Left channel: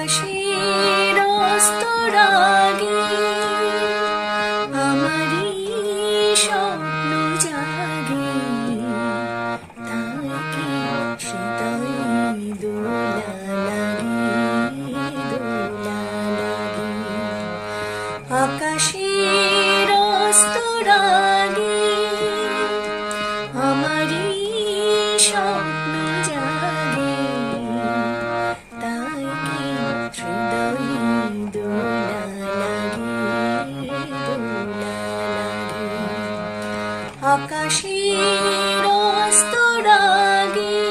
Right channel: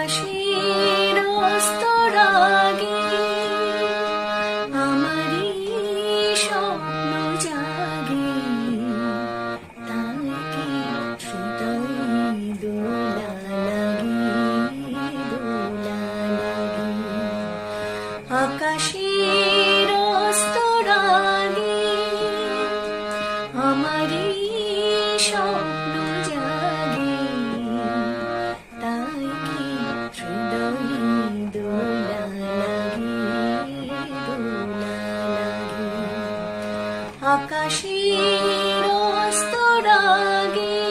আকাশের অস্তরাগে আমারই স্বপ্ন জাগে, তাই কি হৃদয়ে দোলা লাগে, দোলা লাগে। আকাশের অস্তরাগে আমারই স্বপ্ন জাগে, তাই কি হৃদয়ে দোলা লাগে, দোলা লাগে। আকাশের অস্তরাগে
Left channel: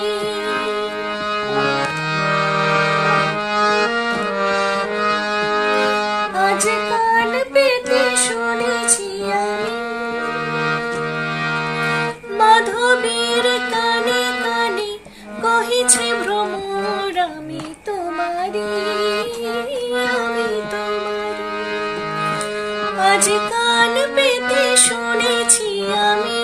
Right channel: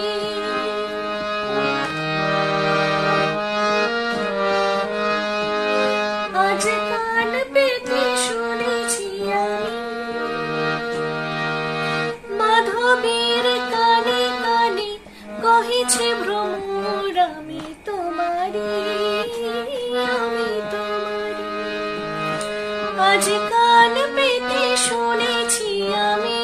আজ কান পেতে শুনেছি আমি মাধবীর কানে কানে কহিছে ভ্রমর, আমি তোমারি, আমি তোমারি। আজ কান পেতে শুনেছি আমি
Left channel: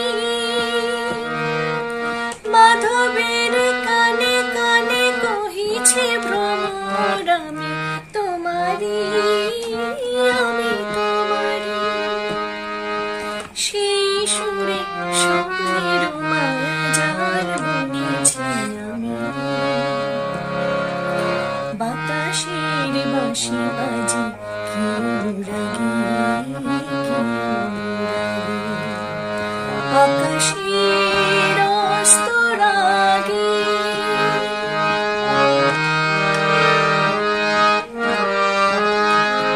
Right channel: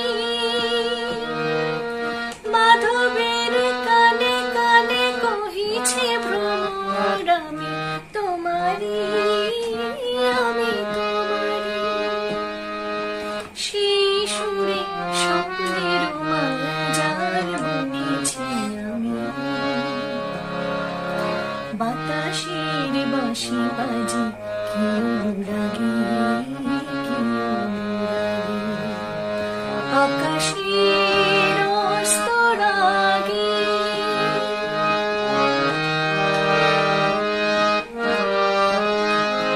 মাধবীর কানে কানে কহিছে ভ্রমর, আমি তোমারি, আমি তোমারি। সেই সুরে স্বপ্নের মায়া জাল বুনেছি আমি, বাতাসের বাঁশি বাজে কি অনুরাগী, কি অনুরাগী। আকাশে